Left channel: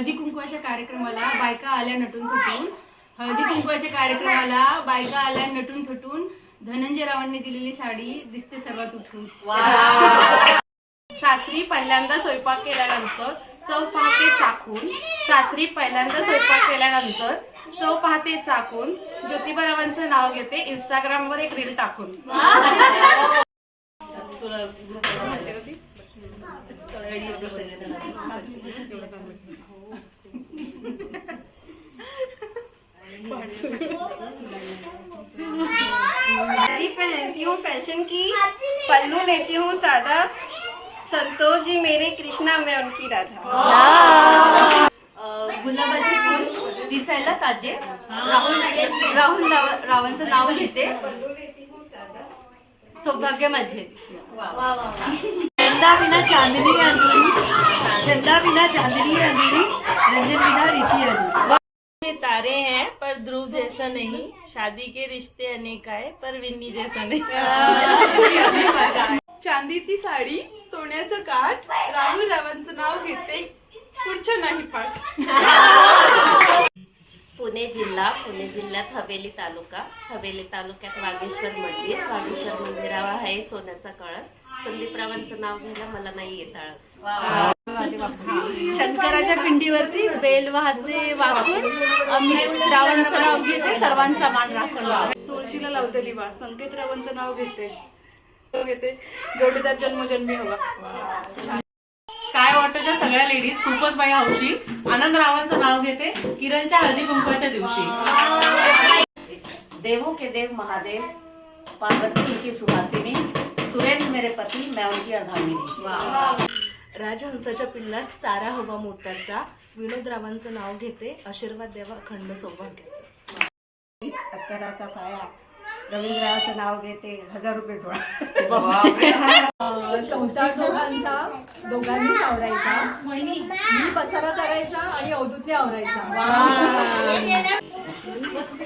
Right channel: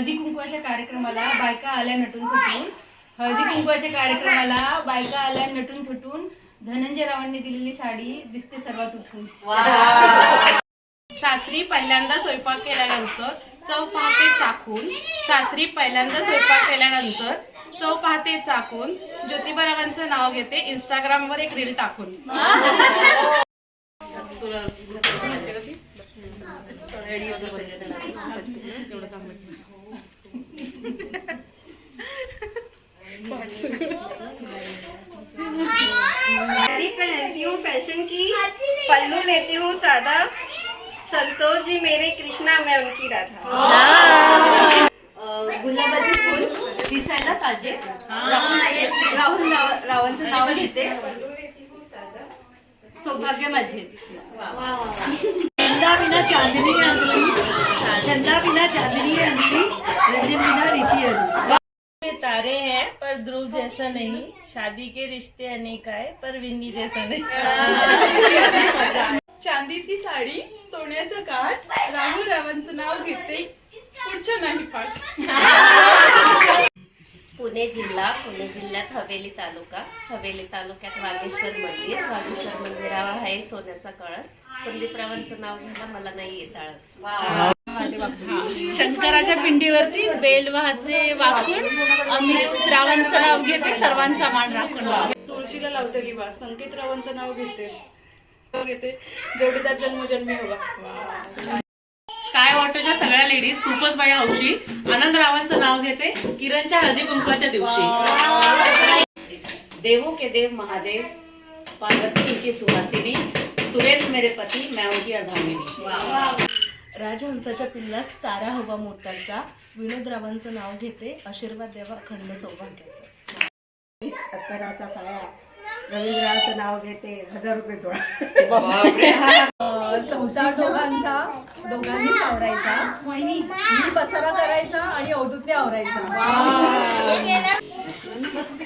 हळदी कुंकवाच्या कार्यक्रमाला बायका आल्या नटून थटून. हळदी कुंकवाच्या कार्यक्रमाला बायका आल्या नटून थटून. धनंजय रावांनी दिलेली साडी दिसते सर्वात उठून. सासरी पहिल्यांदा स्वयंपाक केल्यानंतर चव पाहते चाखून. सासरी पहिल्यांदा स्वयंपाक केल्यानंतर चव पाहते चाखून. ज्योतिबारावांचं नाव घेते इंस्टाग्रामवर एक रील टाकून. साड़ी पहनती हूँ फैशन की, पल्लू लेती हूँ सादा. संतोष जी मेरे कृष्णा, मैं उनकी राधा. गुलाबाचे फूल दिसायला ताजे. राहुल रावांचं नाव घेते सौभाग्य माझे. चंदा बिना चांदनी अधूरी, चंदा बिना चांदनी अधूरी, रंजन बिना रीति अधूरी. ये तारे हैं पर ध्रुव जैसा नहीं. शादी के रिश्ते अनेक आए पर विन्नी जैसा नहीं. चांदीची साडी, सोन्याचं काठ. राहुल रावांचं नाव घेते पुढचं नाही पाठ. पुणे जिल्ह्यात हवेली तालुक्यात वागेश्वर मंदिरावर आहे सोन्याचा कळस. संदीपरावांचं नाव घ्यायला मला नाही येत आळस. शंकराच्या पिंडीवरती बेल वाहते वाकून. अमित रावांचं नाव घेते सर्वांचा मान राखून. तुळशीला लावते लिवा. संकेत रावांचं नाव घेते जोडीदार जन्मजन्मी हवा. स्काय वॉटरच्या सगळ्या लेडीज खूपच बाई हौशी. आनंद रावांचं नाव घेते किरणच्या हळदी कुंकवाच्या दिवशी. देवों के देव महादेव, पार्वती उनकी सुहासिनी, सुरेंद्र मेरे पति, मैं उनकी अर्धांगिनी. राजहंसाच्या पिल्लास चारा हवा मोत्याचा. विनोद रावांचं नाव घेते आशीर्वाद देवा अखंड सौभाग्याचा. अत्तराचा काळा, रवींद्राचं नाव घेते 1000 रुपये गोळा. संसार दोघांनी सावरायचा. मी पसारा करायचा आणि अवधूतने आवरायचा.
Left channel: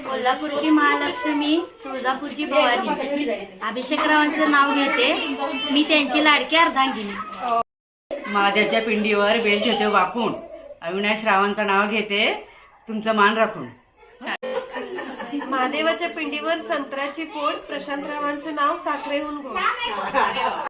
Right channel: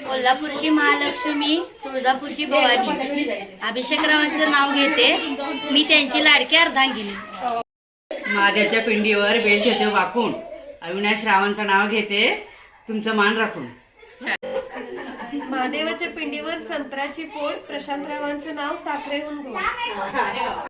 कोल्हापूरची महालक्ष्मी, तुळजापूरची भवानी. अभिषेकरावांचं नाव घेते मी त्यांची लाडकी अर्धांगिनी. महादेवच्या पिंडीवर बेल ठेवते वाकून. अविनाश रावांचं नाव घेते तुमचं मान राखून. महादेवाच्या पिंडीवर संत्र्याची फोड. प्रशांत रावांचं नाव साखरेहून गोड.